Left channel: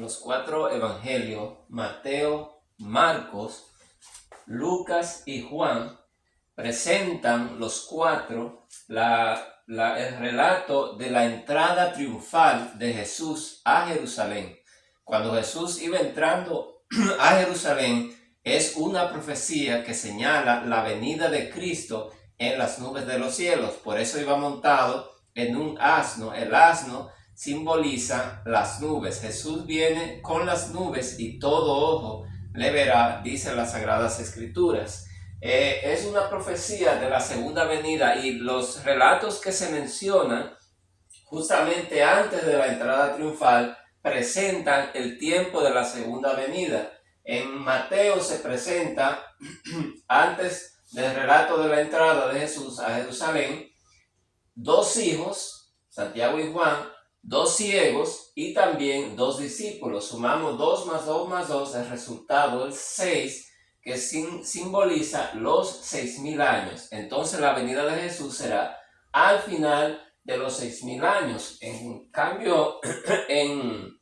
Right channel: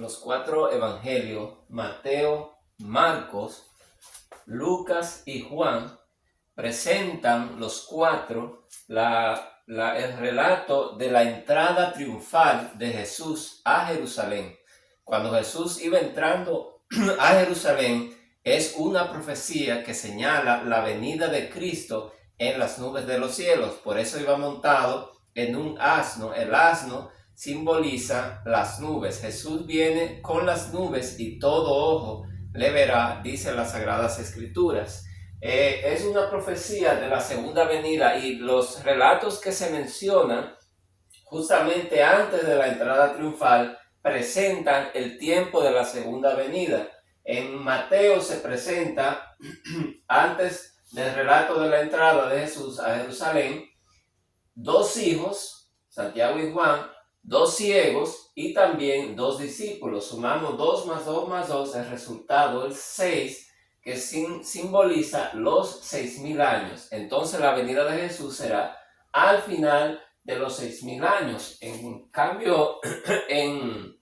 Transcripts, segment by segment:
los cuatro evangelios, Mateo, Marcos, Lucas y Juan, presentan los cuatro el relato de la entrada triunfal de Jesús a Jerusalén. Cuando Jesús iba entrando a Jerusalén, es una profecía que señala la venida de Cristo en las nubes de los cielos. Por eso iba montado en un asno. El asno simboliza las nubes. Jesús viene con las nubes y todo ojo le verá, dicen las Sagradas Escrituras. Es una profecía de la segunda venida, y los relatos que se mencionan justamente antes de la entrada triunfal presentan el tiempo de la segunda venida. En Mateo se presenta, antes del relato de la entrada de Jesús a Jerusalén, dos hijos, Santiago y Juan, dos ciegos y también dos discípulos. Sumamos 2 más 2 más 2, el resultado es 6, que simboliza los 6.000 años. Entonces la venida de Jesús será al final de los 6.000 años. En cambio, en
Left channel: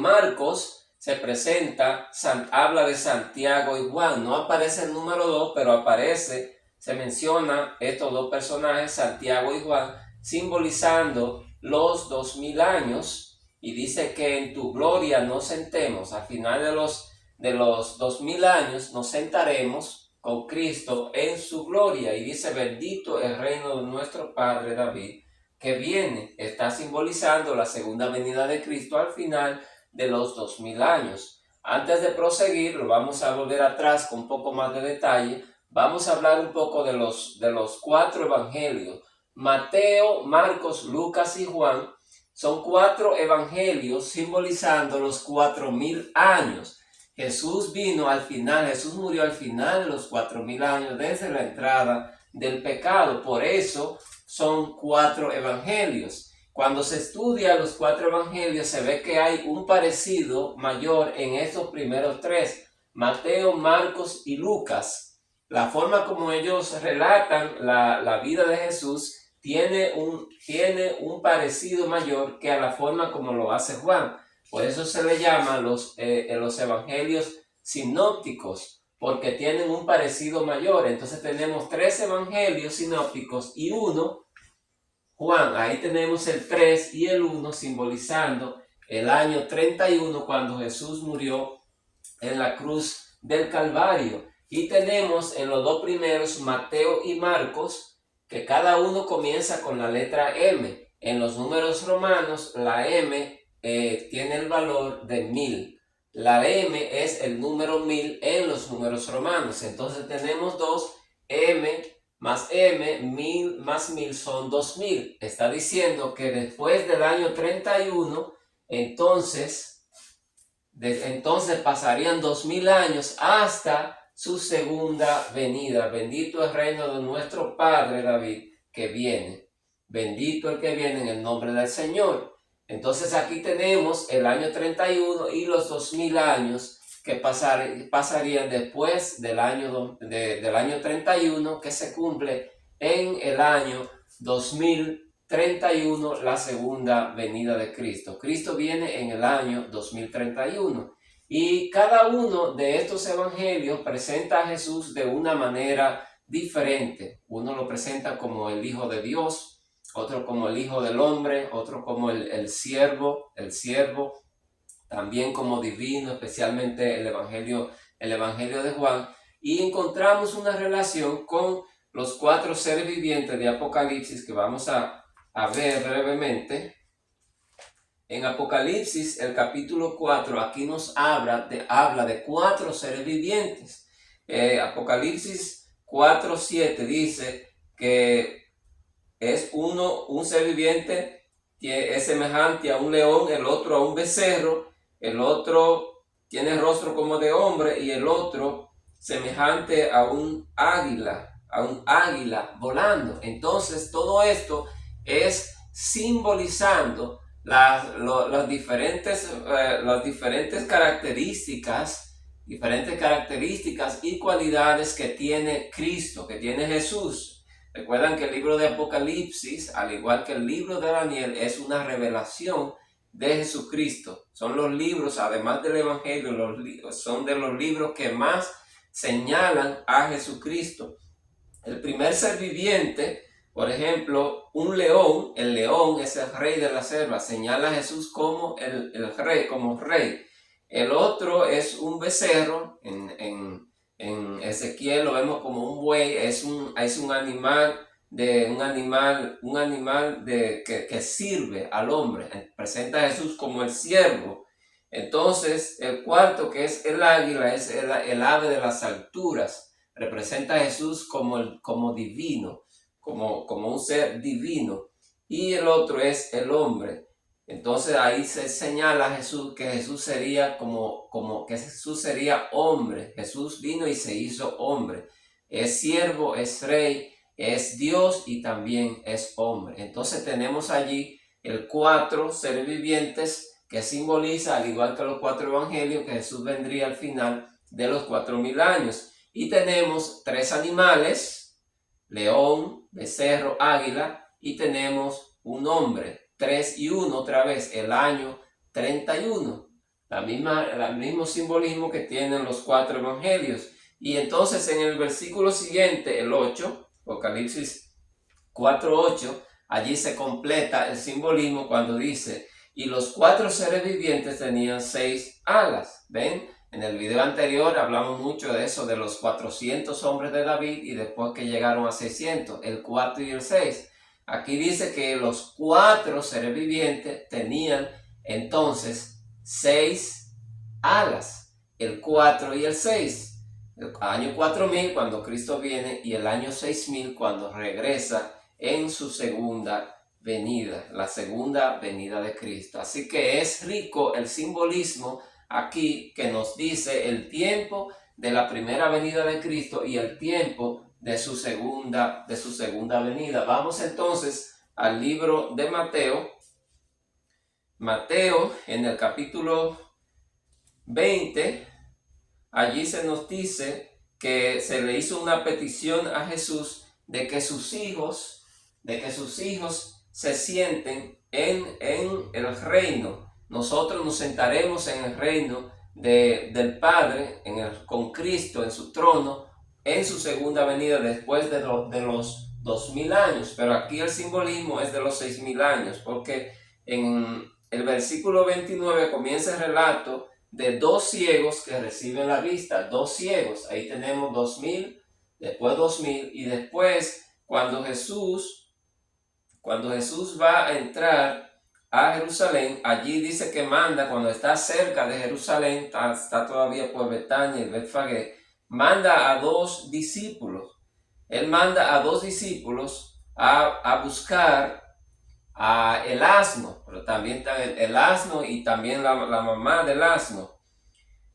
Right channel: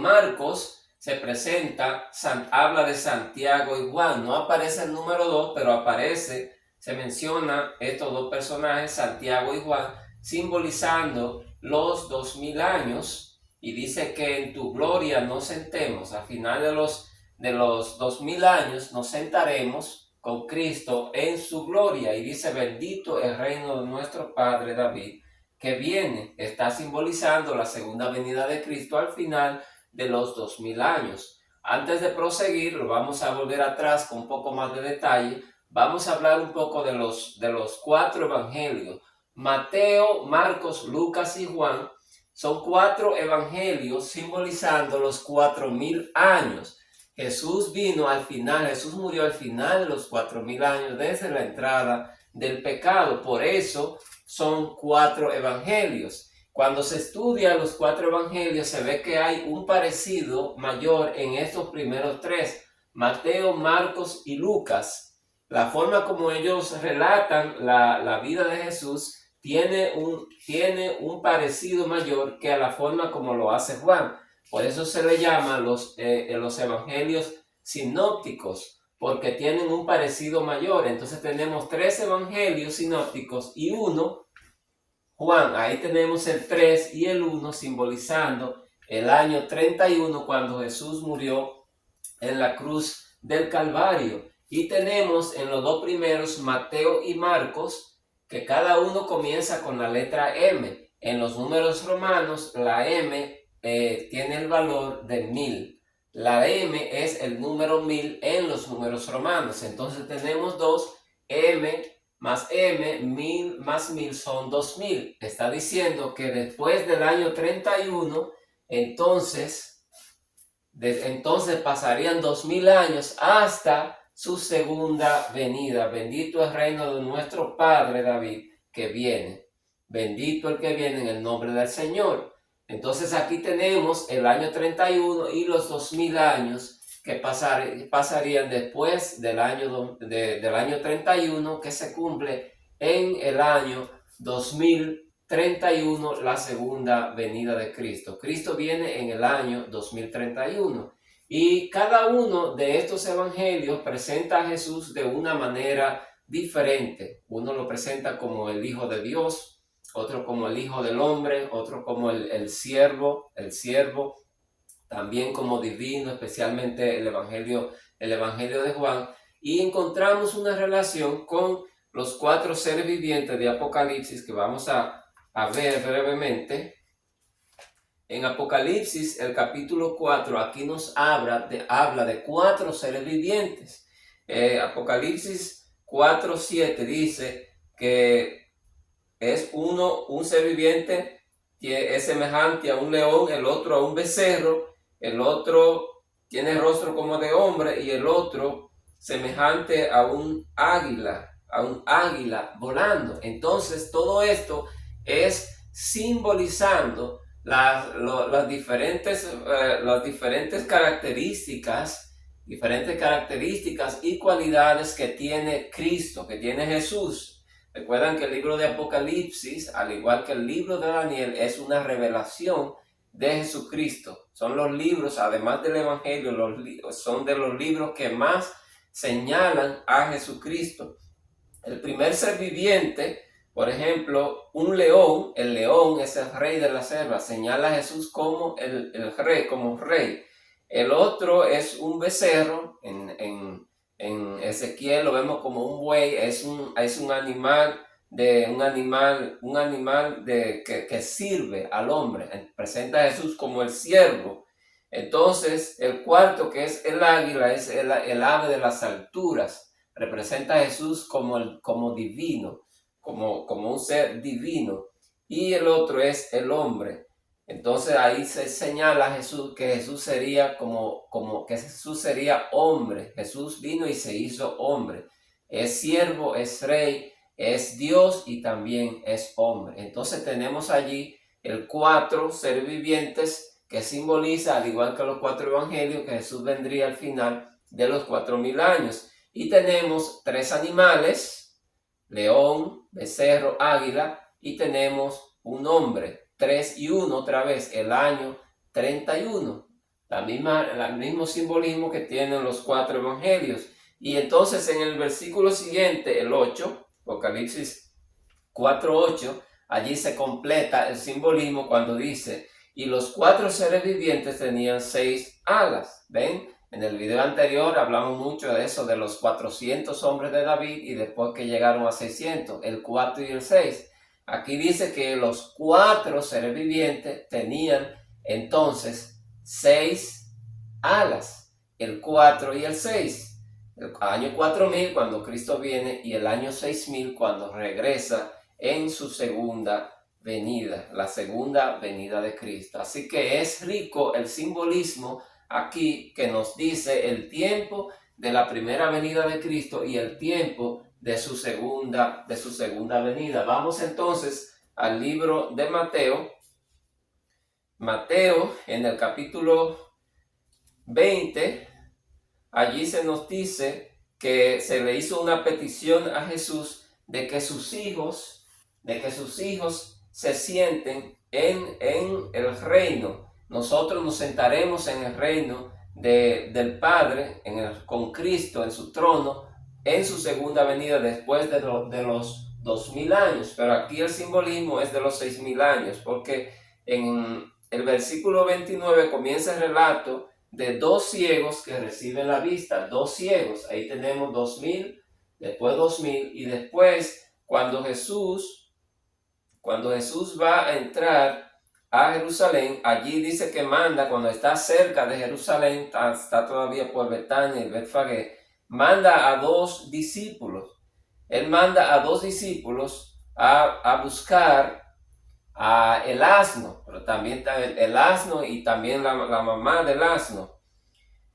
Marcos se presenta, habla de Santiago y Juan. No aparece el número 2, pero aparece, se menciona estos dos personajes, Santiago y Juan, simbolizando los 2.000 años, y dice que en tu gloria nos sentemos. Al final de los 2.000 años nos sentaremos con Cristo en su gloria, y dice: bendito el reino de nuestro Padre David, que viene. Está simbolizando la segunda venida de Cristo al final de los 2.000 años. Antes de proseguir, lo vamos a volver atrás con un poco más de detalle. Vamos a hablar un poco de los cuatro evangelios. Mateo, Marcos, Lucas y Juan son cuatro evangelios simbolizando los 4.000 años. Jesús vino al final, Jesús murió al final de los 4.000 años desde la entrada del pecado. Por eso son cuatro evangelios. Cuando se estudia los cuatro evangelios, se ve que hay un parecido mayor en estos primeros tres, Mateo, Marcos y Lucas. La forma como ellos relatan la vida de Jesús tiene un parecido mayor que a la forma como lo hace Juan. Por eso se le llama los evangelios sinópticos, porque tienen un parecido mayor. Entonces tenemos tres evangelios sinópticos y uno, Juan. Ahí tenemos el 3 y el 1 simbolizando el año 31, cuando Jesús murió en la cruz del Calvario. Y tenemos en los dos primeros, Mateo y Marcos, que cada uno comienza con la letra M. En los números romanos, la M tiene el valor de 1000. La M es el número 1000 en los números romanos. Entonces tenemos dos, M más M, 1000 más 1000 son 2000. Está diciendo que después del año 31, entonces pasarían 2000 años hasta su segunda venida. Bendito el reino de nuestro Padre David, que viene. Bendito el que viene en el nombre del Señor. Entonces aquí tenemos el año 31 y los 2000 años que pasarían después del año 31, que se cumple en el año 2031, la segunda venida de Cristo. Cristo viene en el año 2031. Y cada uno de estos evangelios presenta a Jesús de una manera diferente. Uno lo presenta como el Hijo de Dios, otro como el Hijo del Hombre, otro como el siervo, también como divino, especialmente el evangelio de Juan. Y encontramos una relación con los cuatro seres vivientes de Apocalipsis, que vamos a ver brevemente. En Apocalipsis, el capítulo 4, aquí nos habla de cuatro seres vivientes. Apocalipsis 4:7 dice que es un ser viviente que es semejante a un león, el otro a un becerro, el otro tiene rostro como de hombre y el otro semejante a un águila volando. Entonces todo esto es simbolizando las diferentes características y cualidades que tiene Cristo, que tiene Jesús. Recuerdan que el libro de Apocalipsis, al igual que el libro de Daniel, es una revelación de Jesucristo. Son los libros, además del Evangelio, son de los libros que más señalan a Jesucristo. El primer ser viviente, por ejemplo, un león, el león es el rey de la selva, señala a Jesús como el rey, como rey. El otro es un becerro, en Ezequiel lo vemos como un buey, es un animal que sirve al hombre. Presenta a Jesús como el siervo. Entonces, el cuarto, que es el águila, es el ave de las alturas. Representa a Jesús como divino, como un ser divino. Y el otro es el hombre. Entonces ahí se señala a Jesús que Jesús sería que Jesús sería hombre. Jesús vino y se hizo hombre. Es siervo, es rey, es Dios y también es hombre. Entonces tenemos allí el 4 seres vivientes que simboliza, al igual que los 4 evangelios, que Jesús vendría al final de los 4000 años. Y tenemos 3 animales, león, becerro, águila, y tenemos un hombre. 3 y 1 otra vez, el año 31. El mismo simbolismo que tienen los 4 evangelios. Y entonces en el versículo siguiente, el 8, Apocalipsis 4:8, allí se completa el simbolismo cuando dice: y los 4 seres vivientes tenían 6 alas. ¿Ven? En el video anterior hablamos mucho de eso, de los 400 hombres de David y después que llegaron a 600, el 4 y el 6. Aquí dice que los 4 seres vivientes tenían entonces 6 alas, el 4 y el 6. El año 4000 cuando Cristo viene y el año 6000 cuando regresa en su segunda venida, la segunda venida de Cristo. Así que es rico el simbolismo aquí que nos dice el tiempo de la primera venida de Cristo y el tiempo de su segunda venida. Vamos entonces al libro de Mateo. Mateo, en el capítulo 20, allí se nos dice que se le hizo una petición a Jesús de que sus hijos se sienten en el reino. Nosotros nos sentaremos en el reino del Padre, con Cristo en su trono, en su segunda venida después de los 2000 años. Pero aquí el simbolismo es de los 6000 años, porque en el versículo 29 comienza el relato de 2 ciegos que reciben la vista. 2 ciegos, ahí tenemos 2000, después 2000, y después cuando Jesús va a entrar a Jerusalén, allí dice que manda, cuando está cerca de Jerusalén, está todavía por Betania y Betfagé, manda a 2 discípulos. Él manda a 2 discípulos a buscar el asno, pero también está el asno y también la mamá del asno.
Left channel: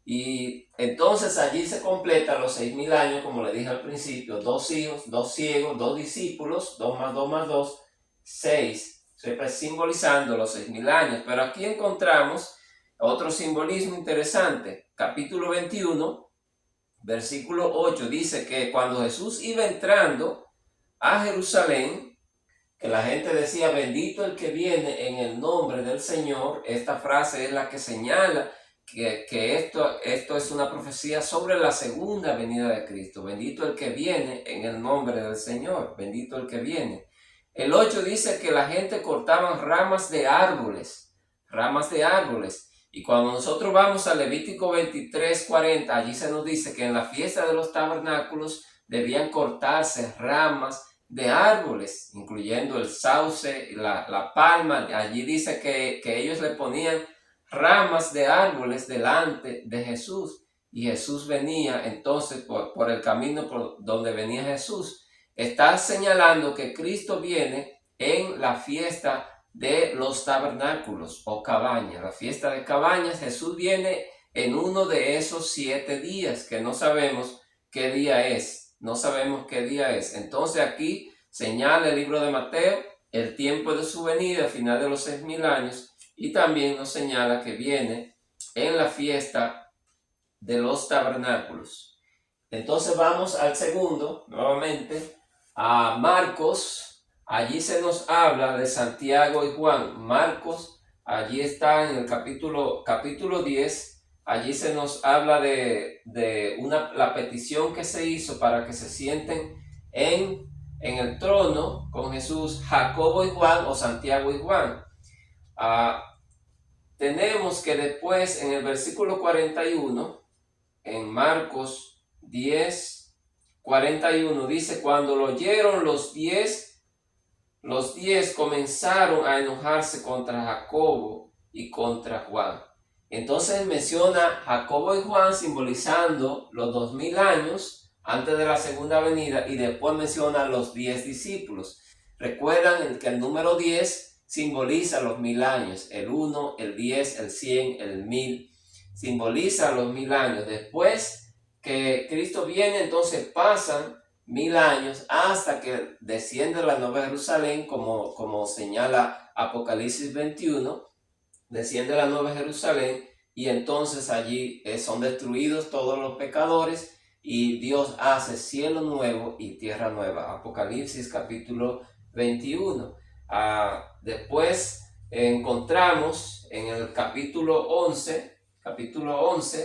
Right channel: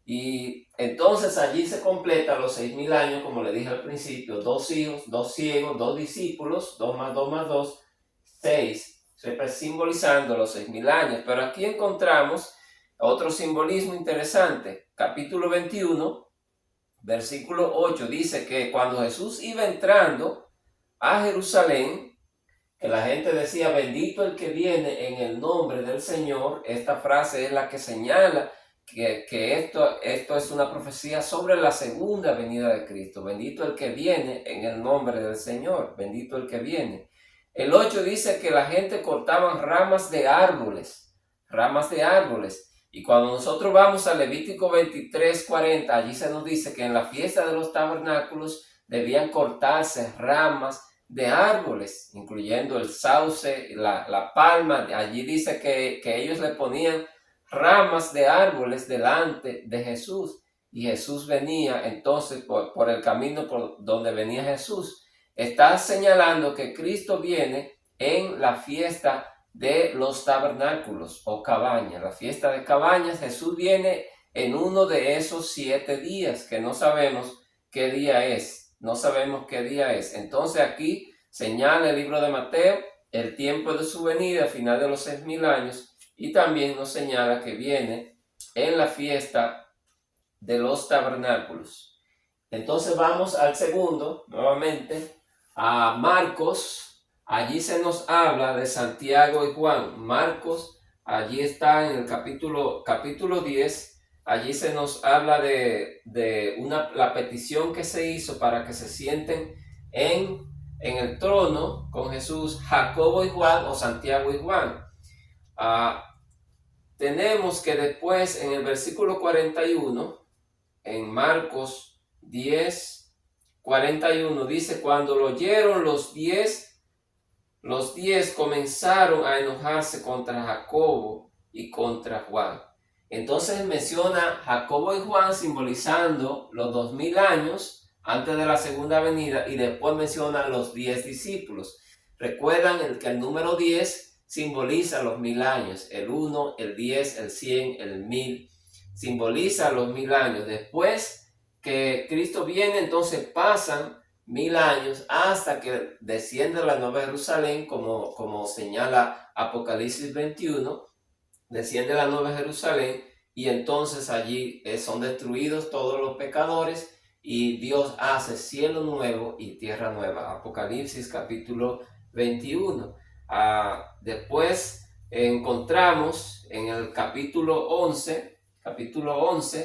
Y entonces allí se completa los 6000 años, como le dije al principio: 2 hijos, 2 ciegos, 2 discípulos, 2 más 2 más 2, 6, siempre simbolizando los 6000 años. Pero aquí encontramos otro simbolismo interesante. Capítulo 21, versículo 8, dice que cuando Jesús iba entrando a Jerusalén, que la gente decía: bendito el que viene en el nombre del Señor. Esta frase es la que señala que esto es una profecía sobre la segunda venida de Cristo. Bendito el que viene en el nombre del Señor. Bendito el que viene. El 8 dice que la gente cortaban ramas de árboles. Y cuando nosotros vamos a Levítico 23:40, allí se nos dice que en la fiesta de los tabernáculos debían cortarse ramas de árboles, incluyendo el sauce, la palma. Allí dice que ellos le ponían ramas de árboles delante de Jesús, y Jesús venía entonces por el camino por donde venía Jesús. Está señalando que Cristo viene en la fiesta de los tabernáculos o cabañas. La fiesta de cabañas, Jesús viene en uno de esos 7 días que no sabemos qué día es. Entonces aquí señala el libro de Mateo el tiempo de su venida al final de los 6000 años, y también nos señala que viene en la fiesta de los tabernáculos. Entonces vamos al segundo, nuevamente, a Marcos. Allí se nos habla de Santiago y Juan. Marcos, allí está en el capítulo 10, allí se nos habla de la petición que se hizo para que se sienten en el trono con Jesús, Jacobo y Juan o Santiago y Juan. Tenemos que después en el versículo 41, en Marcos 10, 41, dice, cuando lo oyeron los 10 comenzaron a enojarse contra Jacobo y contra Juan. Entonces menciona Jacobo y Juan simbolizando los 2000 años antes de la segunda venida, y después menciona los 10 discípulos. Recuerdan que el número 10 simboliza los 1000 años, el 1, el 10, el 100, el 1000, simboliza los 1000 años. Después que Cristo viene, entonces pasan 1000 años hasta que desciende la Nueva Jerusalén, como señala Apocalipsis 21, desciende la Nueva Jerusalén y entonces allí son destruidos todos los pecadores y Dios hace cielo nuevo y tierra nueva. Apocalipsis capítulo 21. Después encontramos en el capítulo 11,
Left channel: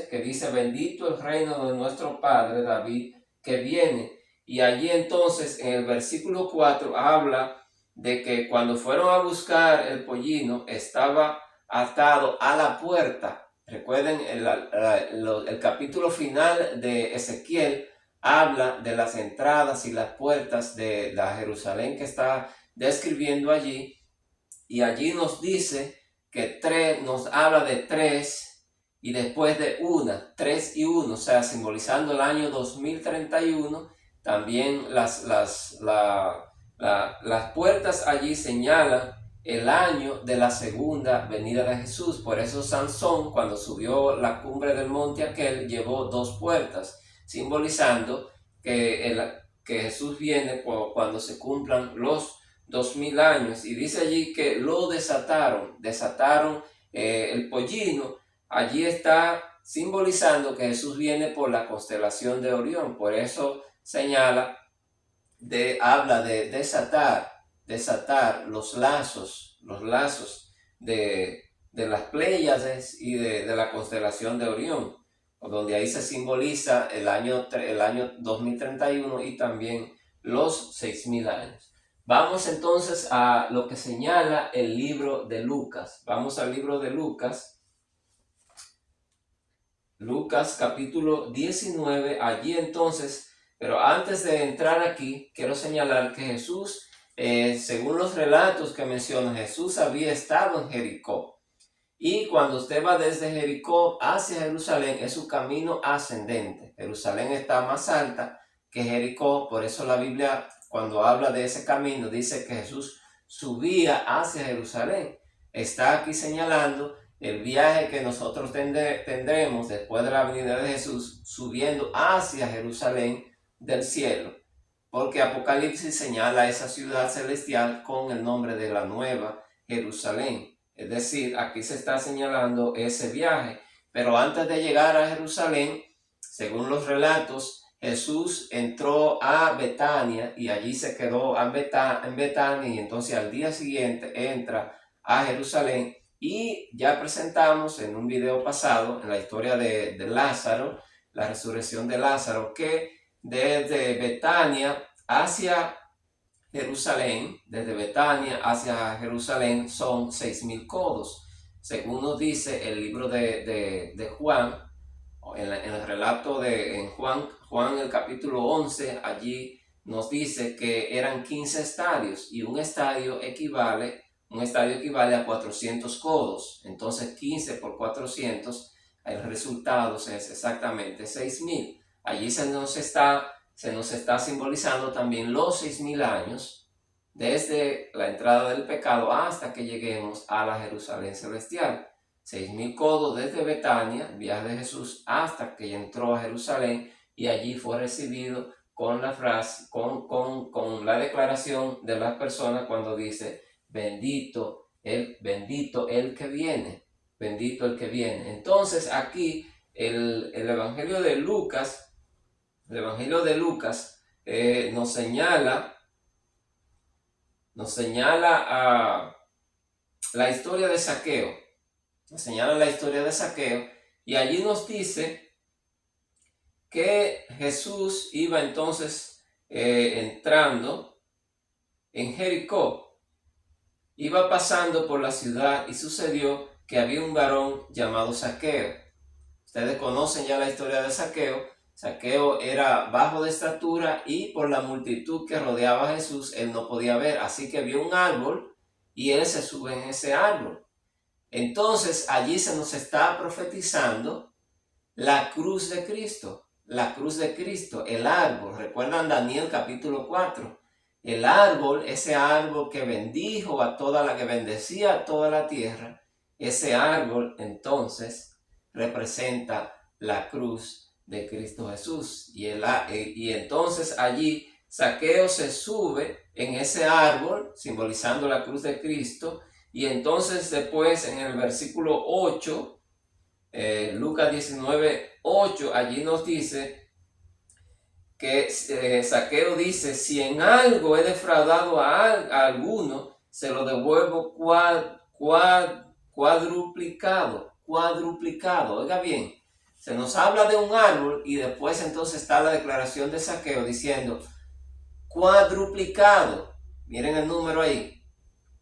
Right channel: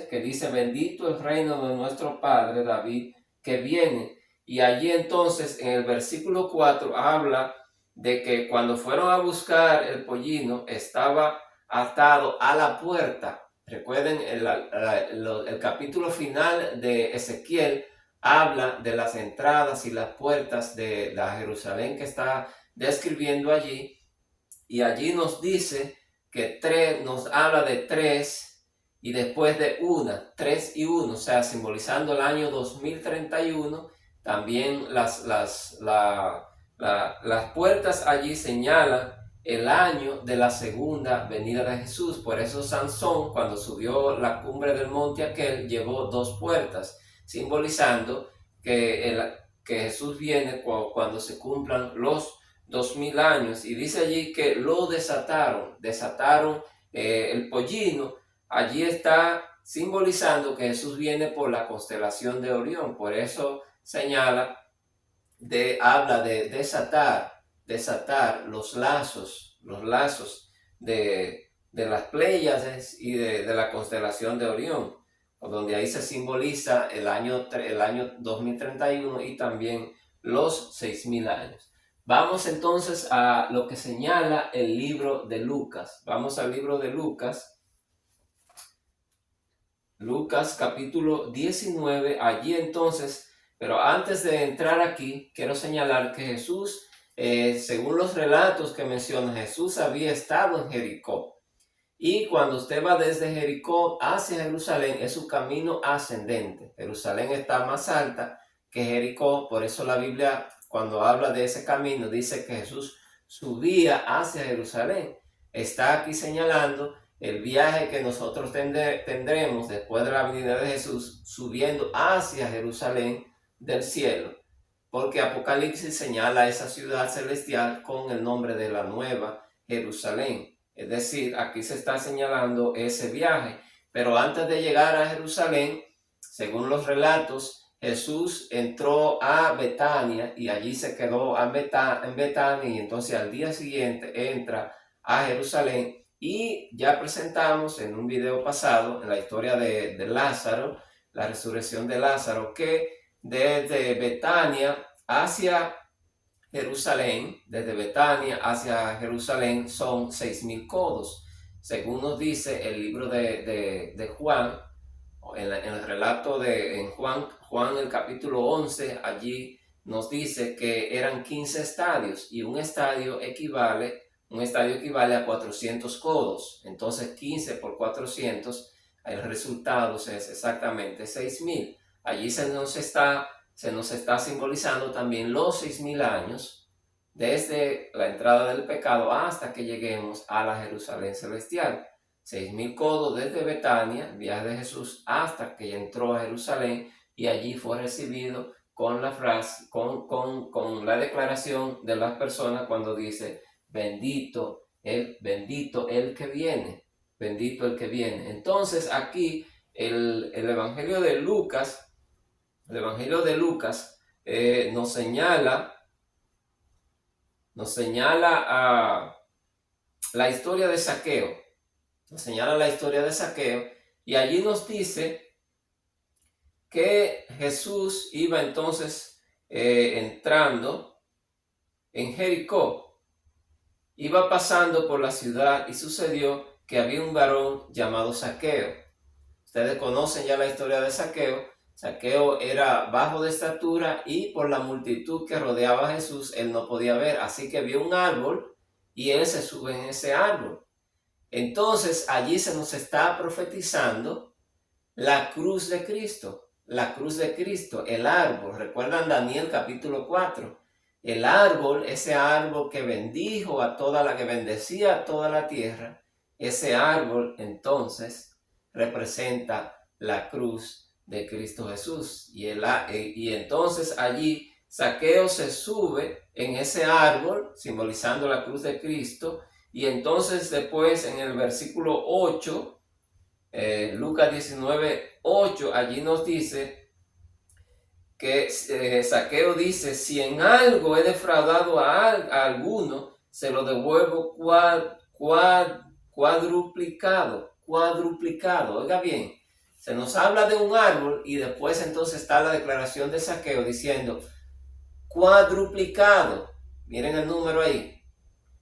que dice, bendito el reino de nuestro Padre David que viene. Y allí entonces en el versículo 4 habla de que cuando fueron a buscar el pollino estaba atado a la puerta. Recuerden, el capítulo final de Ezequiel habla de las entradas y las puertas de la Jerusalén que está describiendo allí. Y allí nos dice que nos habla de 3 y después de 3 y 1, o sea, simbolizando el año 2031. También las puertas allí señalan el año de la segunda venida de Jesús. Por eso Sansón, cuando subió la cumbre del monte aquel, llevó 2 puertas, simbolizando que Jesús viene cuando se cumplan los 2000 años. Y dice allí que lo desataron el pollino. Allí está simbolizando que Jesús viene por la constelación de Orión. Por eso señala, habla de desatar los lazos de las Pléyades y de la constelación de Orión, donde ahí se simboliza el año 2031 y también los 6000 años. Vamos entonces a lo que señala el libro de Lucas. Vamos al libro de Lucas. Lucas capítulo 19, allí entonces, pero antes de entrar aquí, quiero señalar que Jesús, según los relatos que menciona, Jesús había estado en Jericó. Y cuando usted va desde Jericó hacia Jerusalén, es su camino ascendente. Jerusalén está más alta que Jericó, por eso la Biblia, cuando habla de ese camino, dice que Jesús subía hacia Jerusalén. Está aquí señalando el viaje que nosotros tendremos después de la venida de Jesús, subiendo hacia Jerusalén del cielo, porque Apocalipsis señala esa ciudad celestial con el nombre de la Nueva Jerusalén. Es decir, aquí se está señalando ese viaje. Pero antes de llegar a Jerusalén, según los relatos, Jesús entró a Betania y allí se quedó en Betania, y entonces al día siguiente entra a Jerusalén. Y ya presentamos en un video pasado, en la historia de Lázaro, la resurrección de Lázaro, que desde Betania hacia Jerusalén, son 6000 codos. Según nos dice el libro de Juan, en el relato en Juan el capítulo 11, allí nos dice que eran 15 estadios y un estadio equivale a 400 codos. Entonces 15 por 400, el resultado es exactamente 6000. Allí se nos está simbolizando también los 6000 años desde la entrada del pecado hasta que lleguemos a la Jerusalén celestial. 6000 codos desde Betania, viaje de Jesús, hasta que entró a Jerusalén y allí fue recibido con la frase, con la declaración de las personas cuando dice, bendito el que viene, bendito el que viene. Entonces aquí el Evangelio de Lucas, nos señala la historia de Zaqueo. Nos señala la historia de Zaqueo y allí nos dice que Jesús iba entonces entrando en Jericó. Iba pasando por la ciudad y sucedió que había un varón llamado Zaqueo. Ustedes conocen ya la historia de Zaqueo. Zaqueo era bajo de estatura y por la multitud que rodeaba a Jesús, él no podía ver. Así que vio un árbol y él se sube en ese árbol. Entonces allí se nos está profetizando la cruz de Cristo. La cruz de Cristo, el árbol. ¿Recuerdan Daniel capítulo 4? El árbol, ese árbol que bendijo a toda la que bendecía a toda la tierra. Ese árbol entonces representa la cruz de Cristo Jesús. Y entonces allí Zaqueo se sube en ese árbol, simbolizando la cruz de Cristo. Y entonces después en el versículo 8, Lucas 19, 8, allí nos dice que Zaqueo dice, si en algo he defraudado a alguno, se lo devuelvo cuadruplicado. Oiga bien, se nos habla de un árbol y después entonces está la declaración de Zaqueo diciendo cuadruplicado. Miren el número ahí.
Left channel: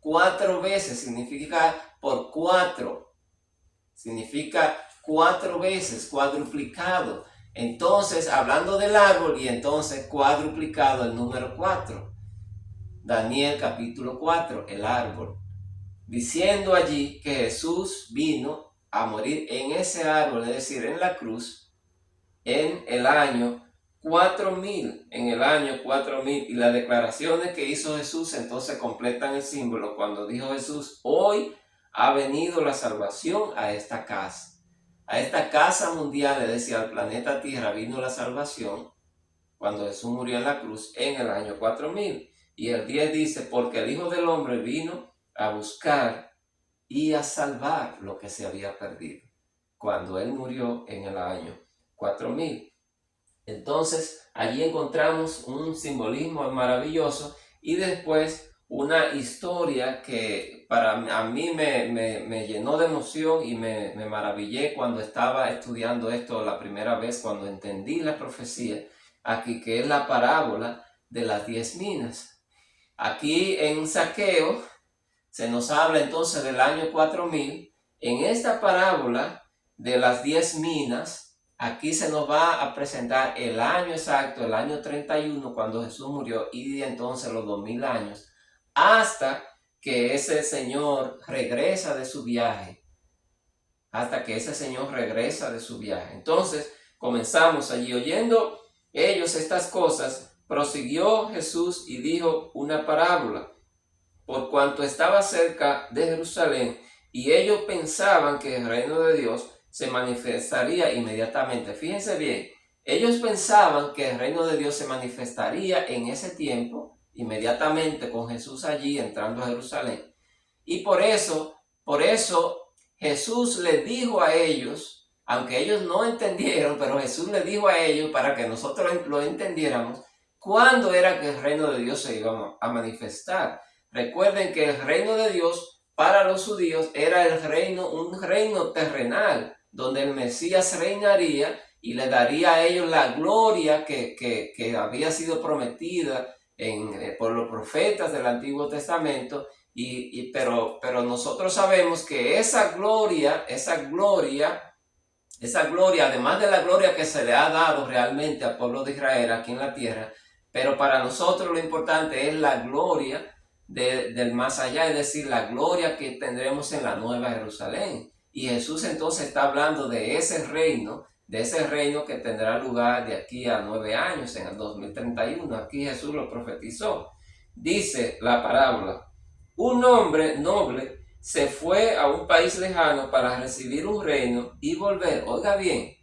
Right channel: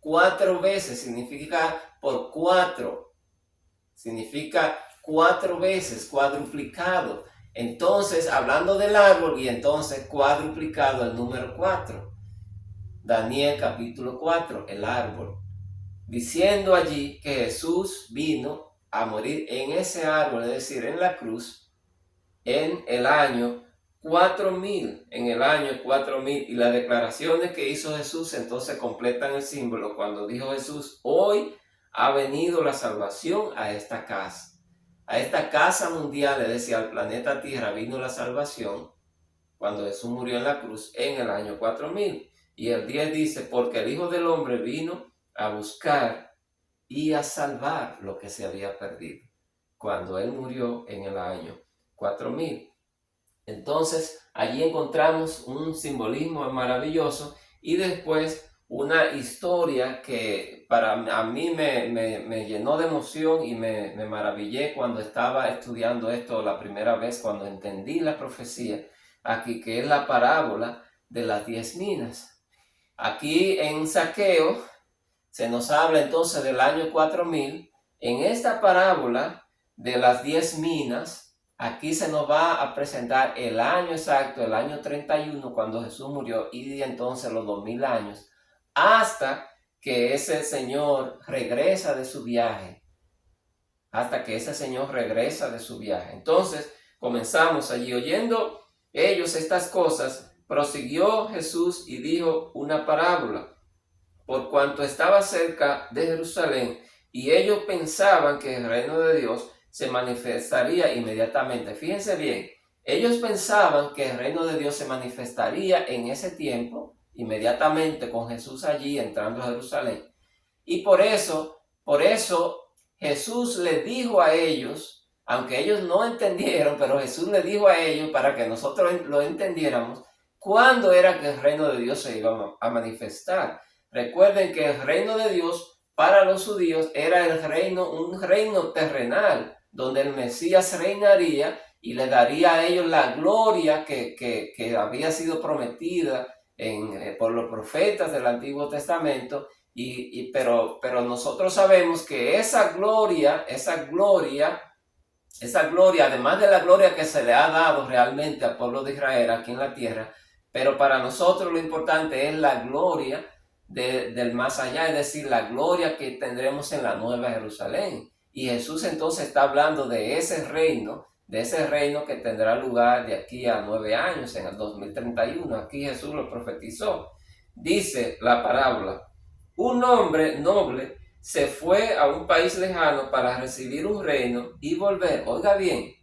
4 veces significa por 4. Significa 4 veces, cuadruplicado. Entonces, hablando del árbol y entonces cuadruplicado el número 4. Daniel capítulo 4, el árbol. Diciendo allí que Jesús vino a morir en ese árbol, es decir, en la cruz, en el año 4000, y las declaraciones que hizo Jesús entonces completan el símbolo cuando dijo Jesús, hoy ha venido la salvación a esta casa mundial, es decir, al planeta Tierra vino la salvación cuando Jesús murió en la cruz en el año 4000. Y el 10 dice, porque el Hijo del Hombre vino a buscar y a salvar lo que se había perdido, cuando Él murió en el año 4000. Entonces allí encontramos un simbolismo maravilloso y después una historia que a mí me llenó de emoción y me maravillé cuando estaba estudiando esto la primera vez, cuando entendí la profecía aquí, que es la parábola de las 10 minas. Aquí en Zaqueo se nos habla entonces del año 4000. En esta parábola de las 10 minas, aquí se nos va a presentar el año exacto, el año 31, cuando Jesús murió, y entonces los 2000 años, hasta que ese Señor regresa de su viaje. Entonces, comenzamos allí oyendo ellos estas cosas, prosiguió Jesús y dijo una parábola, por cuanto estaba cerca de Jerusalén, y ellos pensaban que el reino de Dios se manifestaría inmediatamente. Fíjense bien, ellos pensaban que el reino de Dios se manifestaría en ese tiempo, inmediatamente con Jesús allí entrando a Jerusalén. Y por eso Jesús les dijo a ellos, aunque ellos no entendieron, pero Jesús les dijo a ellos para que nosotros lo entendiéramos, cuándo era que el reino de Dios se iba a manifestar. Recuerden que el reino de Dios para los judíos era un reino terrenal, donde el Mesías reinaría y le daría a ellos la gloria que había sido prometida por los profetas del Antiguo Testamento. Pero nosotros sabemos que esa gloria, además de la gloria que se le ha dado realmente al pueblo de Israel aquí en la tierra, pero para nosotros lo importante es la gloria del más allá, es decir, la gloria que tendremos en la Nueva Jerusalén. Y Jesús entonces está hablando de ese reino que tendrá lugar de aquí a 9 años, en el 2031. Aquí Jesús lo profetizó. Dice la parábola, un hombre noble se fue a un país lejano para recibir un reino y volver. Oiga bien,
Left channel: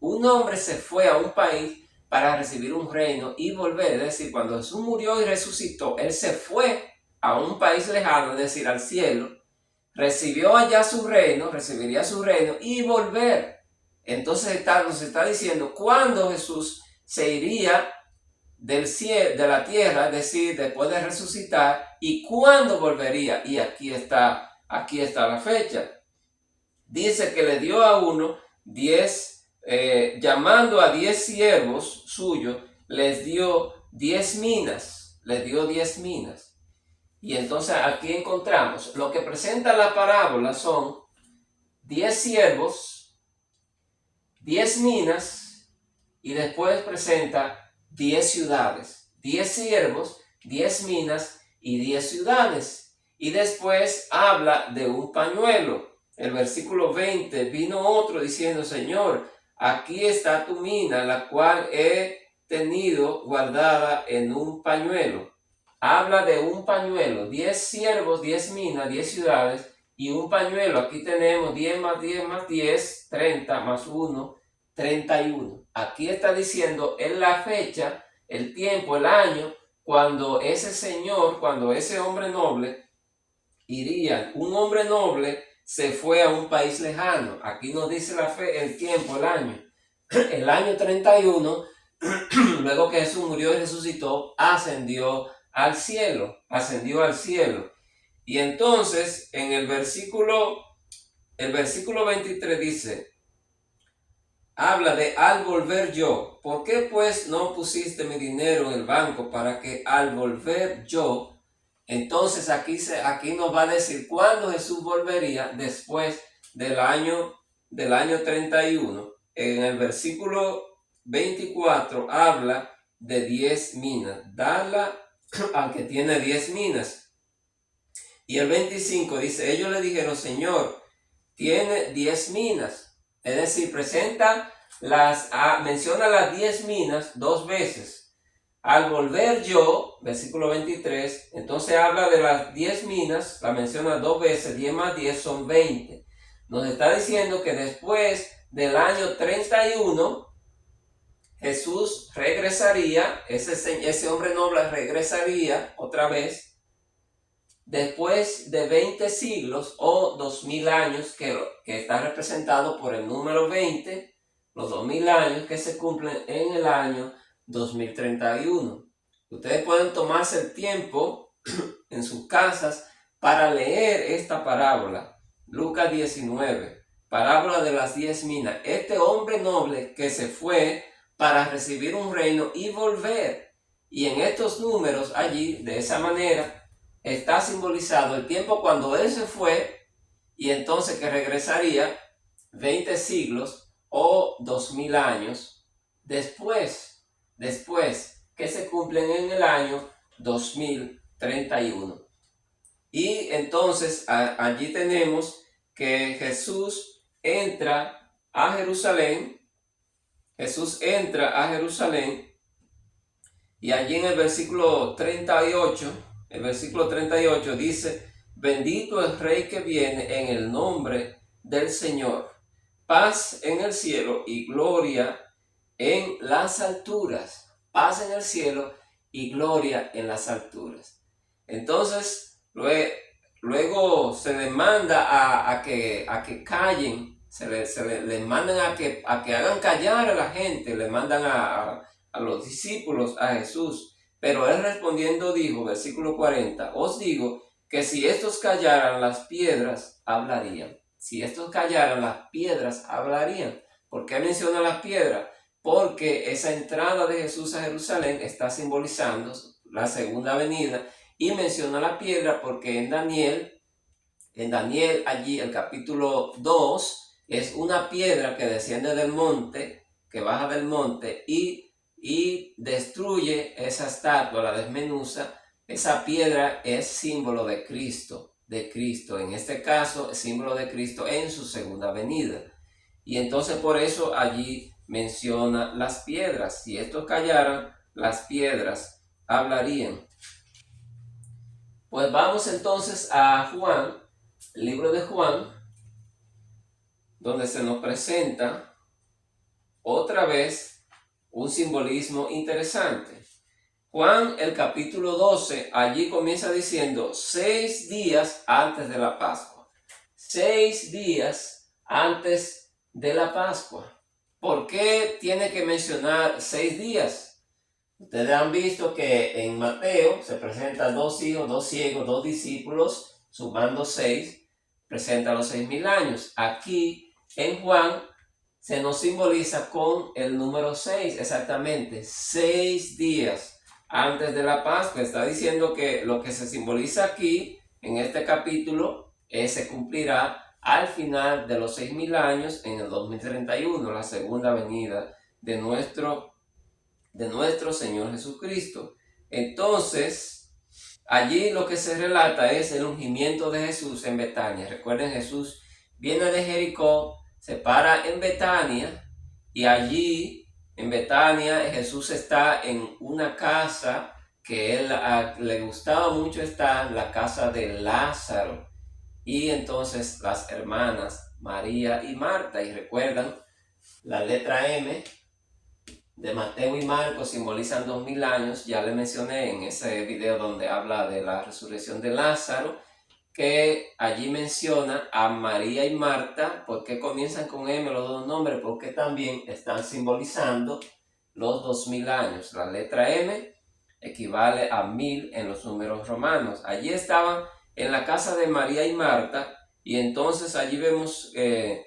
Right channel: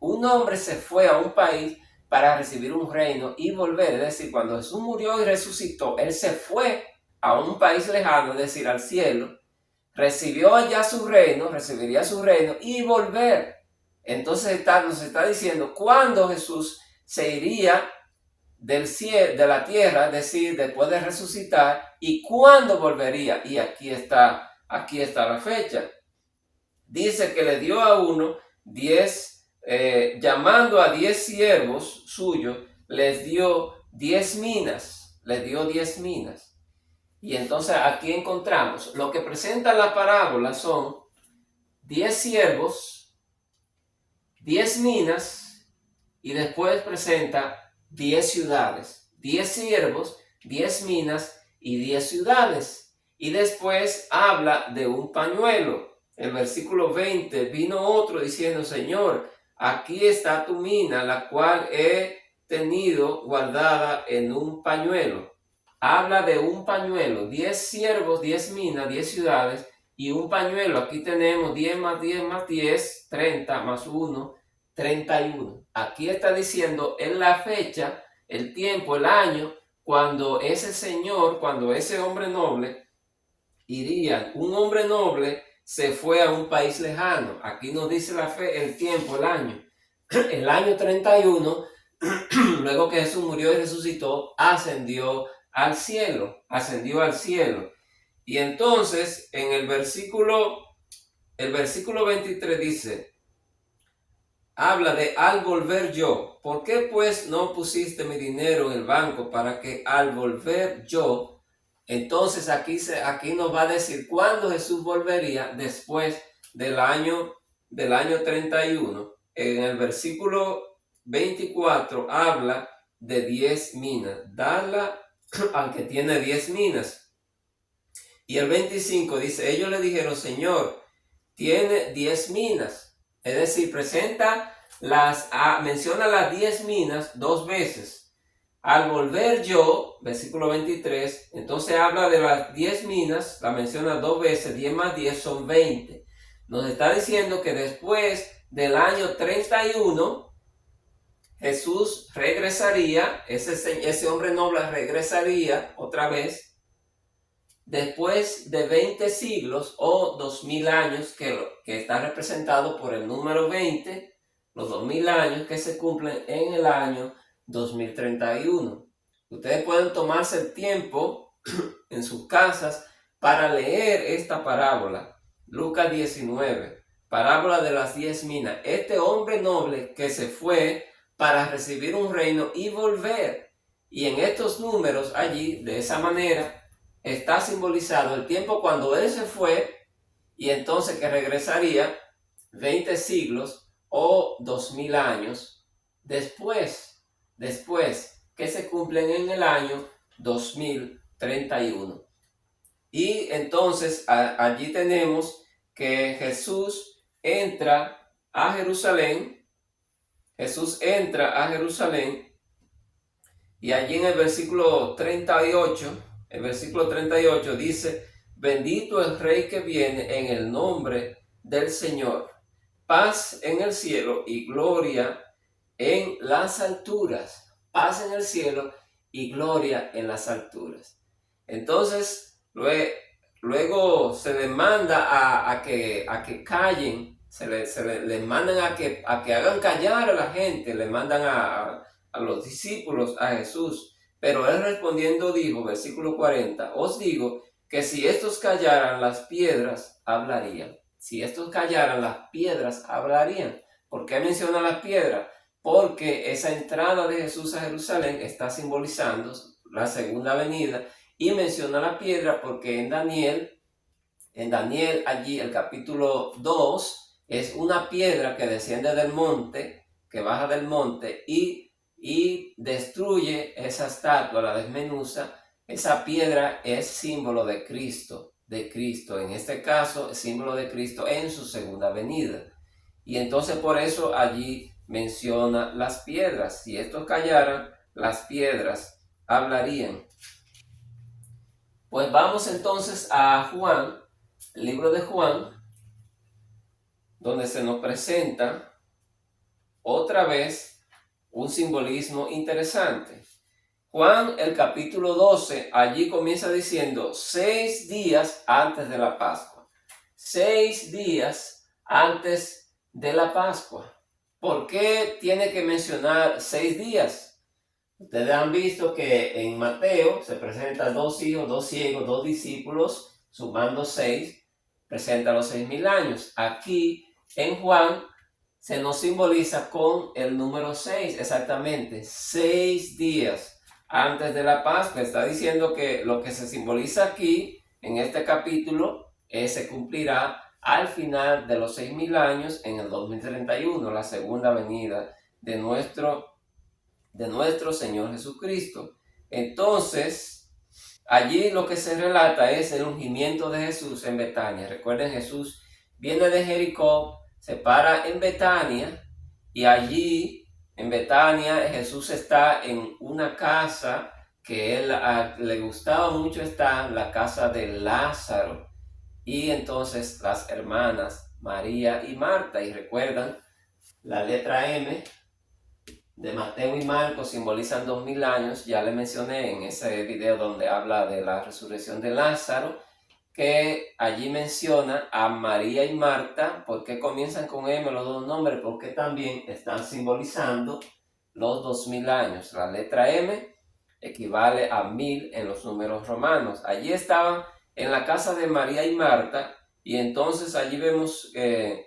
un hombre se fue a un país para recibir un reino y volver. Es decir, cuando Jesús murió y resucitó, Él se fue a un país lejano, es decir, al cielo, recibió allá su reino, recibiría su reino y volver. Entonces nos está diciendo cuándo Jesús se iría del cielo, de la tierra, es decir, después de resucitar, y cuándo volvería. Y aquí está aquí está la fecha. Dice que le dio a uno 10, llamando a 10 siervos suyos, les dio 10 minas, les dio 10 minas. Y entonces aquí encontramos, lo que presenta la parábola son 10 siervos, 10 minas, y después presenta 10 ciudades, 10 siervos, 10 minas y 10 ciudades. Y después habla de un pañuelo. El versículo 20, vino otro diciendo, Señor, aquí está tu mina, la cual he tenido guardada en un pañuelo. Habla de un pañuelo, 10 siervos, 10 minas, 10 ciudades y un pañuelo. Aquí tenemos 10 más 10 más 10, 30 más 1, 31. Aquí está diciendo en la fecha, el tiempo, el año, cuando ese señor, cuando ese hombre noble iría. Un hombre noble se fue a un país lejano. Aquí nos dice la fe, el tiempo, el año. El año 31, luego que Jesús murió y resucitó, ascendió al cielo. Y entonces en el versículo 23 dice, habla de al volver yo. ¿Por qué pues no pusiste mi dinero en el banco para que al volver yo? Entonces aquí nos va a decir cuándo Jesús volvería después del año 31. En el versículo 24 habla de 10 minas. Dala al que tiene 10 minas. Y el 25 dice, ellos le dijeron, Señor, tiene 10 minas. Es decir, menciona las 10 minas 2 veces. Al volver yo, versículo 23, entonces habla de las 10 minas, la menciona 2 veces, 10 más 10 son 20. Nos está diciendo que después del año 31, Jesús regresaría, ese hombre noble regresaría otra vez, después de 20 siglos o 2000 años, que está representado por el número 20, los 2000 años que se cumplen en el año 2031. Ustedes pueden tomarse el tiempo en sus casas para leer esta parábola. Lucas 19, parábola de las 10 minas. Este hombre noble que se fue para recibir un reino y volver. Y en estos números allí, de esa manera, está simbolizado el tiempo cuando él se fue y entonces que regresaría 20 siglos o 2000 años después que se cumplen en el año 2031. Y entonces allí tenemos que Jesús entra a Jerusalén. Y allí en el versículo 38, dice, bendito el Rey que viene en el nombre del Señor. Paz en el cielo y gloria en las alturas. Paz en el cielo y gloria en las alturas. Entonces, luego se les manda a que callen, se les mandan a que hagan callar a la gente, le mandan a los discípulos a Jesús. Pero él respondiendo dijo, versículo 40, os digo que si estos callaran, las piedras hablarían. Si estos callaran, las piedras hablarían. ¿Por qué menciona las piedras? Porque esa entrada de Jesús a Jerusalén está simbolizando la segunda venida, y menciona la piedra porque en Daniel allí el capítulo 2 es una piedra que desciende del monte, que baja del monte y destruye esa estatua, la desmenuza. Esa piedra es símbolo de Cristo, en este caso es símbolo de Cristo en su segunda venida. Y entonces por eso allí menciona las piedras. Si estos callaran, las piedras hablarían. Pues vamos entonces a Juan, el libro de Juan, donde se nos presenta otra vez un simbolismo interesante. Juan, el capítulo 12, allí comienza diciendo 6 días antes de la Pascua. 6 días antes de la Pascua. ¿Por qué tiene que mencionar 6 días? Ustedes han visto que en Mateo se presentan 2 hijos, 2 ciegos, 2 discípulos, sumando 6. presenta los 6.000 años. Aquí en Juan se nos simboliza con el número 6, exactamente 6 días antes de la Pascua. Está diciendo que lo que se simboliza aquí en este capítulo se cumplirá al final de los 6.000 años en el 2031, la segunda venida de nuestro Señor Jesucristo. Entonces, allí lo que se relata es el ungimiento de Jesús en Betania. Recuerden, Jesús viene de Jericó, se para en Betania y allí en Betania Jesús está en una casa que él le gustaba mucho estar, la casa de Lázaro. Y entonces las hermanas María y Marta, y recuerdan, la letra M de Mateo y Marcos simbolizan 2.000 años. Ya le mencioné en ese video donde habla de la resurrección de Lázaro, que allí menciona a María y Marta. ¿Por qué comienzan con M los dos nombres? Porque también están simbolizando los 2.000 años. La letra M equivale a 1.000 en los números romanos. Allí estaban en la casa de María y Marta, y entonces allí vemos el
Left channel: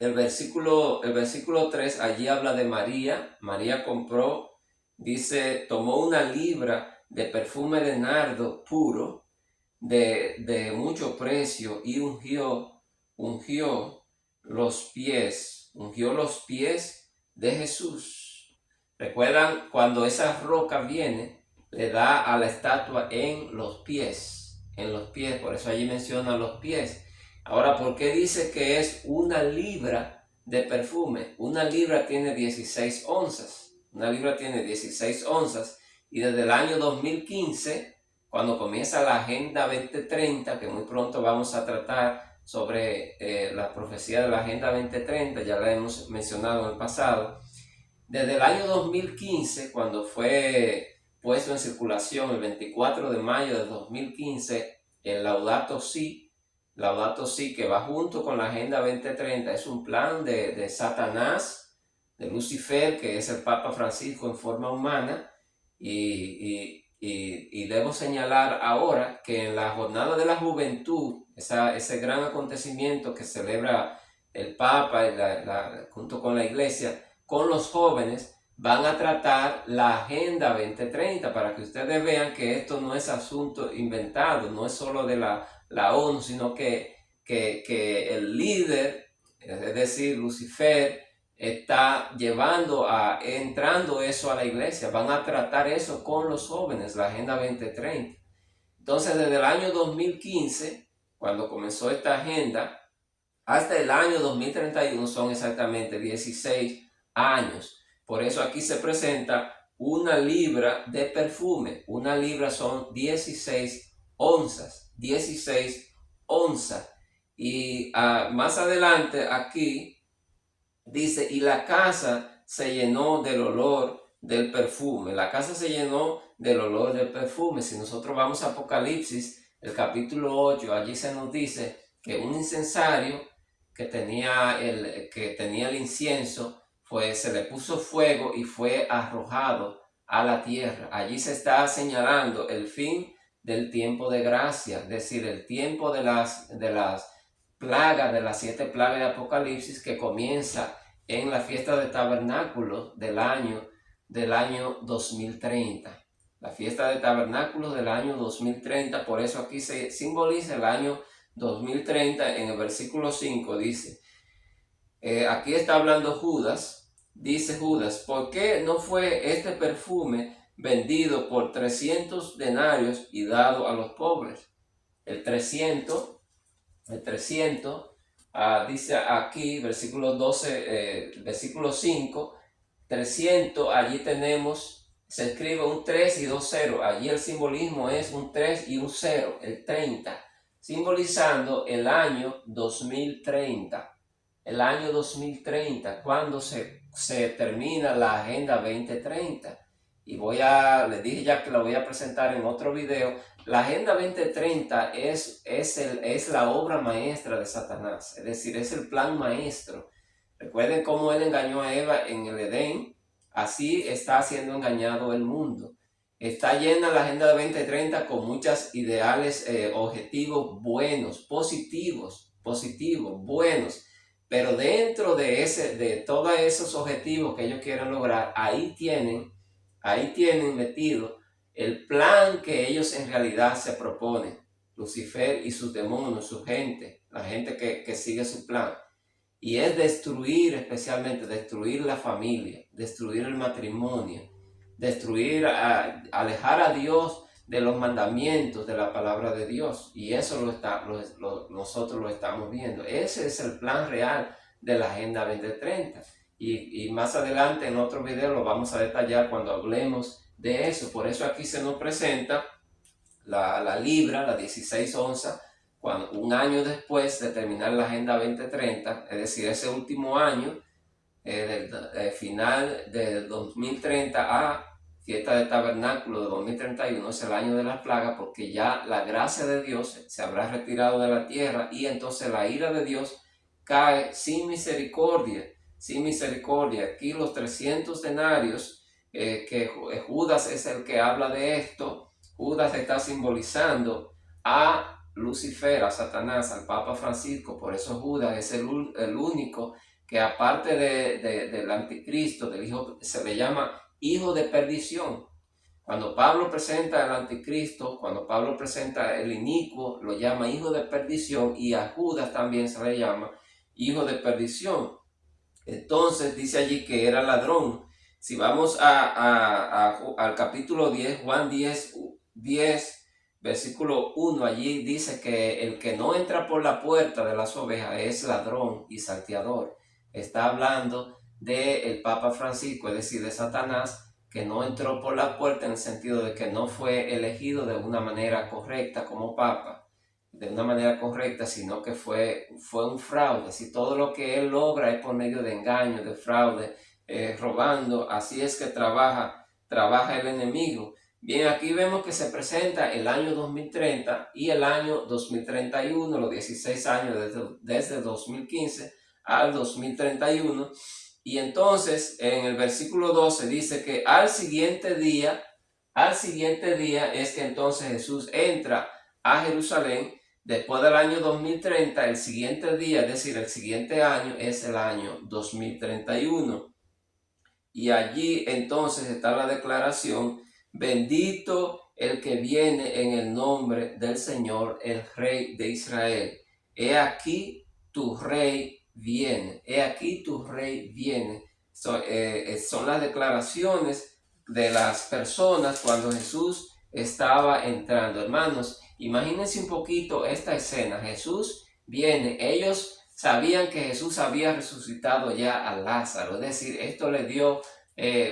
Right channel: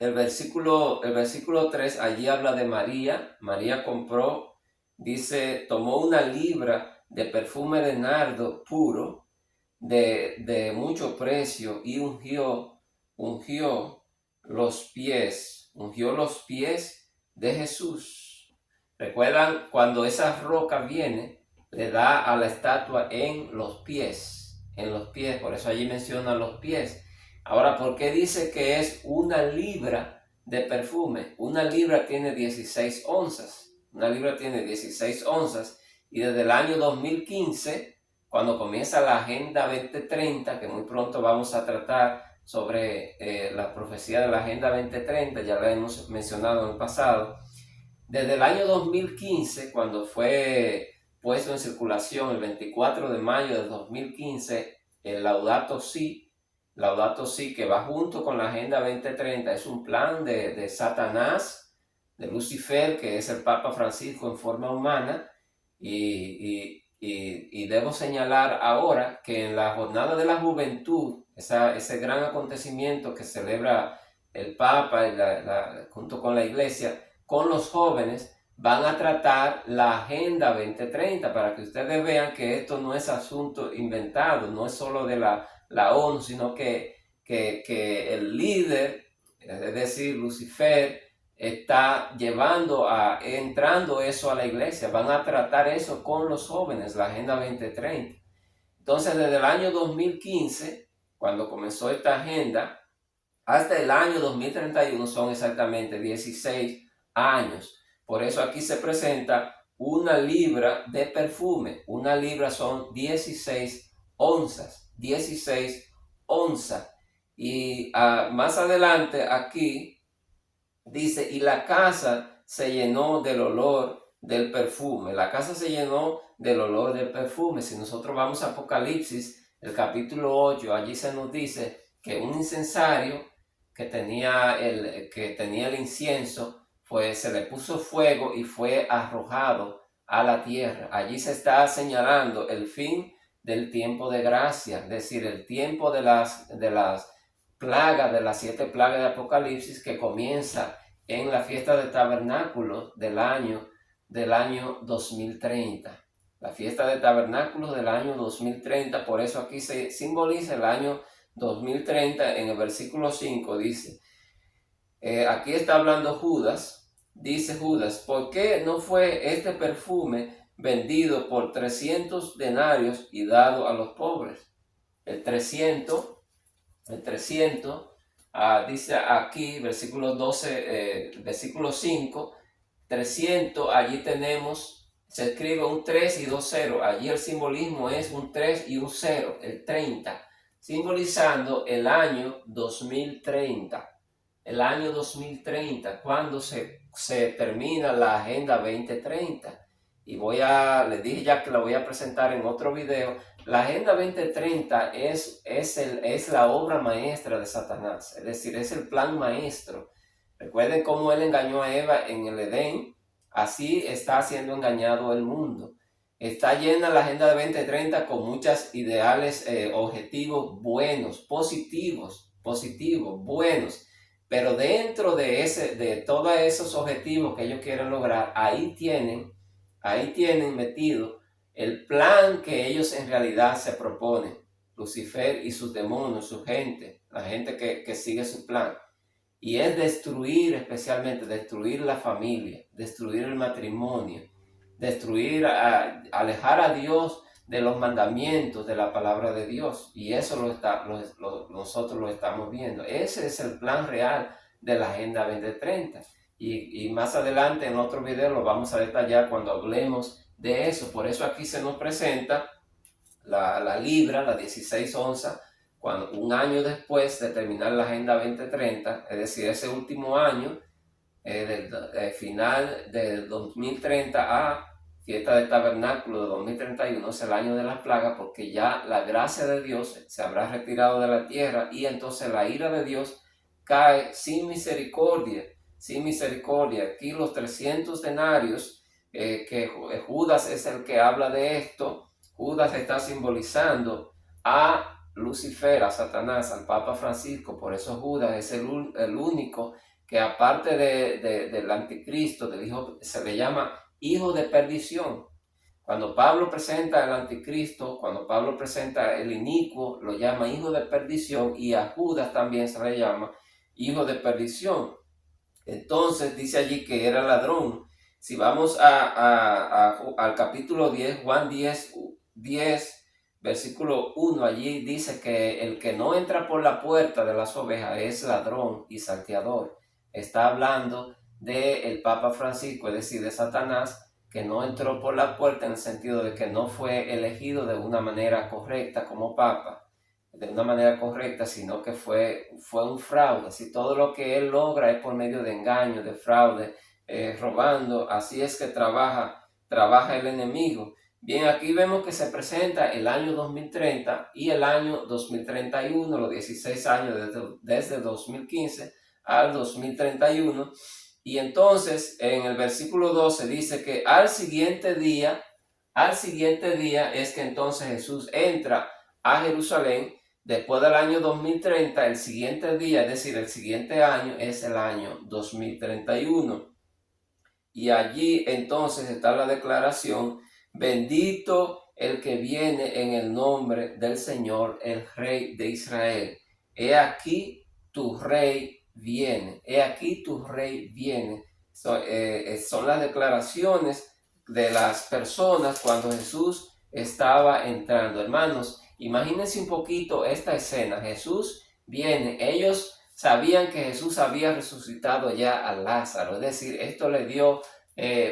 versículo 3, allí habla de María. María compró, dice, tomó una libra de perfume de nardo puro de mucho precio y ungió ungió los pies de Jesús. ¿Recuerdan cuando esa roca viene, le da a la estatua en los pies? En los pies, por eso allí menciona los pies. Ahora, ¿por qué dice que es una libra de perfume? Una libra tiene 16 onzas. Una libra tiene 16 onzas. Y desde el año 2015, cuando comienza la Agenda 2030, que muy pronto vamos a tratar sobre la profecía de la Agenda 2030, ya la hemos mencionado en el pasado. Desde el año 2015, cuando fue puesto en circulación el 24 de mayo de 2015, el Laudato Si, que va junto con la Agenda 2030, es un plan de Satanás, de Lucifer, que es el Papa Francisco en forma humana. Y debo señalar ahora que en la Jornada de la Juventud, ese gran acontecimiento que celebra el Papa junto con la Iglesia, con los jóvenes, van a tratar la Agenda 2030, para que ustedes vean que esto no es asunto inventado, no es solo de la ONU, sino que el líder, es decir, Lucifer, está entrando eso a la iglesia. Van a tratar eso con los jóvenes, la Agenda 2030. Entonces, desde el año 2015, cuando comenzó esta agenda, hasta el año 2031 son exactamente 16 años. Por eso aquí se presenta una libra de perfume. Una libra son 16 onzas. 16 onzas. Y más adelante aquí dice, y la casa se llenó del olor del perfume. La casa se llenó del olor del perfume. Si nosotros vamos a Apocalipsis, el capítulo 8, allí se nos dice que un incensario que tenía el incienso, pues se le puso fuego y fue arrojado a la tierra. Allí se está señalando el fin del tiempo de gracia, es decir, el tiempo de las plagas, de las 7 plagas de Apocalipsis, que comienza en la fiesta de tabernáculos del año 2030. La fiesta de tabernáculos del año 2030, por eso aquí se simboliza el año 2030. En el versículo 5 dice, aquí está hablando Judas, dice Judas, ¿por qué no fue este perfume vendido por 300 denarios y dado a los pobres? El 300, dice aquí, versículo 12, versículo 5, 300, allí tenemos, se escribe un 3 y 2 ceros. Allí el simbolismo es un 3 y un 0, el 30, simbolizando el año 2030. El año 2030, cuando se termina la Agenda 2030. Y les dije ya que la voy a presentar en otro video. La Agenda 2030 es la obra maestra de Satanás, es decir, es el plan maestro. Recuerden cómo él engañó a Eva en el Edén, así está siendo engañado el mundo. Está llena la Agenda de 2030 con muchos ideales, objetivos buenos, positivos, buenos. Pero dentro de todos esos objetivos que ellos quieren lograr, ahí tienen metido el plan que ellos en realidad se proponen. Lucifer y sus demonios, su gente, la gente que sigue su plan. Y es destruir, especialmente destruir la familia, destruir el matrimonio, alejar a Dios de los mandamientos de la palabra de Dios. Y eso nosotros lo estamos viendo. Ese es el plan real de la Agenda 2030. Y más adelante en otro video lo vamos a detallar cuando hablemos de eso. Por eso aquí se nos presenta la libra, la 16 onzas, un año después de terminar la Agenda 2030, es decir, ese último año, final de 2030 a fiesta de tabernáculo de 2031, es el año de las plagas, porque ya la gracia de Dios se habrá retirado de la tierra y entonces la ira de Dios cae sin misericordia, sin misericordia. Aquí los 300 denarios, que Judas es el que habla de esto. Judas está simbolizando a Lucifer, a Satanás, al Papa Francisco. Por eso Judas es el único que, aparte del anticristo, del hijo, se le llama hijo de perdición. Cuando Pablo presenta al anticristo, cuando Pablo presenta el inicuo, lo llama hijo de perdición, y a Judas también se le llama hijo de perdición. Entonces dice allí que era ladrón. Si vamos al capítulo 10, Juan 10, versículo 1, allí dice que el que no entra por la puerta de las ovejas es ladrón y salteador. Está hablando del Papa Francisco, es decir, de Satanás, que no entró por la puerta en el sentido de que no fue elegido de una manera correcta como Papa, de una manera correcta, sino que fue un fraude. Si todo lo que él logra es por medio de engaño, de fraude, robando, así es que trabaja el enemigo. Bien, aquí vemos que se presenta el año 2030 y el año 2031, los 16 años desde 2015 al 2031. Y entonces en el versículo 12 dice que al siguiente día es que entonces Jesús entra a Jerusalén. Después del año 2030, el siguiente día, es decir, el siguiente año, es el año 2031. Y allí entonces está la declaración: bendito el que viene en el nombre del Señor, el Rey de Israel. He aquí tu Rey viene. He aquí tu Rey viene. Son las declaraciones de las personas cuando Jesús estaba entrando. Hermanos, imagínense un poquito esta escena. Jesús viene. Ellos sabían que Jesús había resucitado ya a Lázaro. Es decir, esto le dio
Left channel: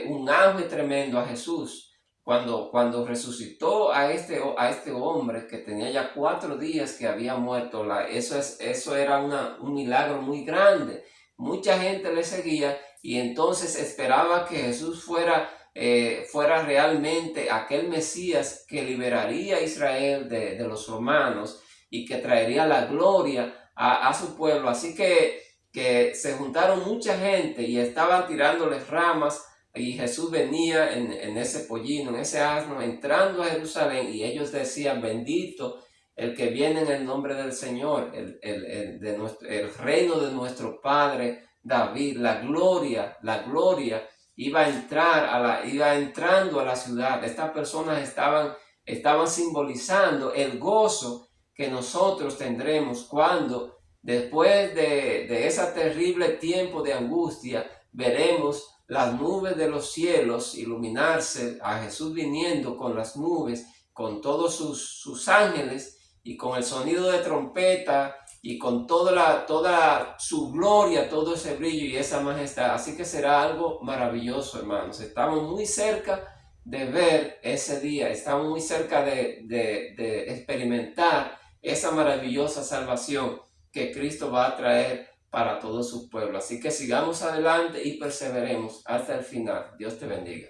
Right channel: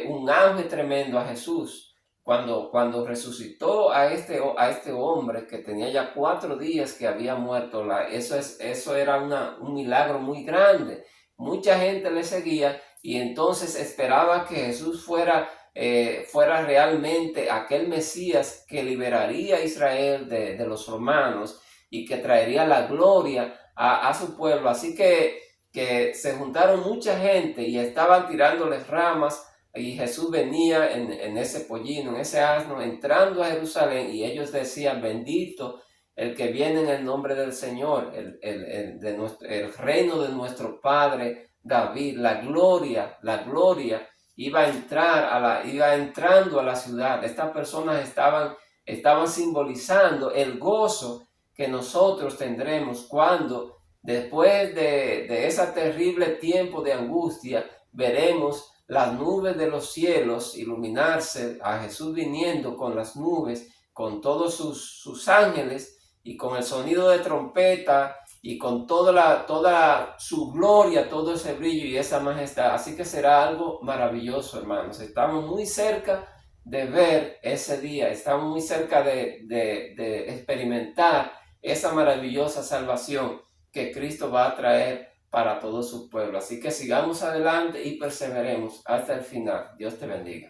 un ángel tremendo a Jesús. Cuando resucitó a este hombre que tenía ya 4 días que había muerto, eso era un milagro muy grande. Mucha gente le seguía y entonces esperaba que Jesús fuera realmente aquel Mesías que liberaría a Israel de los romanos y que traería la gloria a su pueblo. Así que se juntaron mucha gente y estaban tirándoles ramas, y Jesús venía en ese pollino, en ese asno, entrando a Jerusalén, y ellos decían: bendito el que viene en el nombre del Señor, el reino de nuestro padre David. La gloria iba entrando a la ciudad. Estas personas estaban simbolizando el gozo que nosotros tendremos cuando, después de ese terrible tiempo de angustia, veremos las nubes de los cielos iluminarse, a Jesús viniendo con las nubes, con todos sus ángeles, y con el sonido de trompeta, y con toda su gloria, todo ese brillo y esa majestad. Así que será algo maravilloso, hermanos. Estamos muy cerca de ver ese día, estamos muy cerca de experimentar esa maravillosa salvación que Cristo va a traer para todo su pueblo. Así que sigamos adelante y perseveremos hasta el final. Dios te bendiga.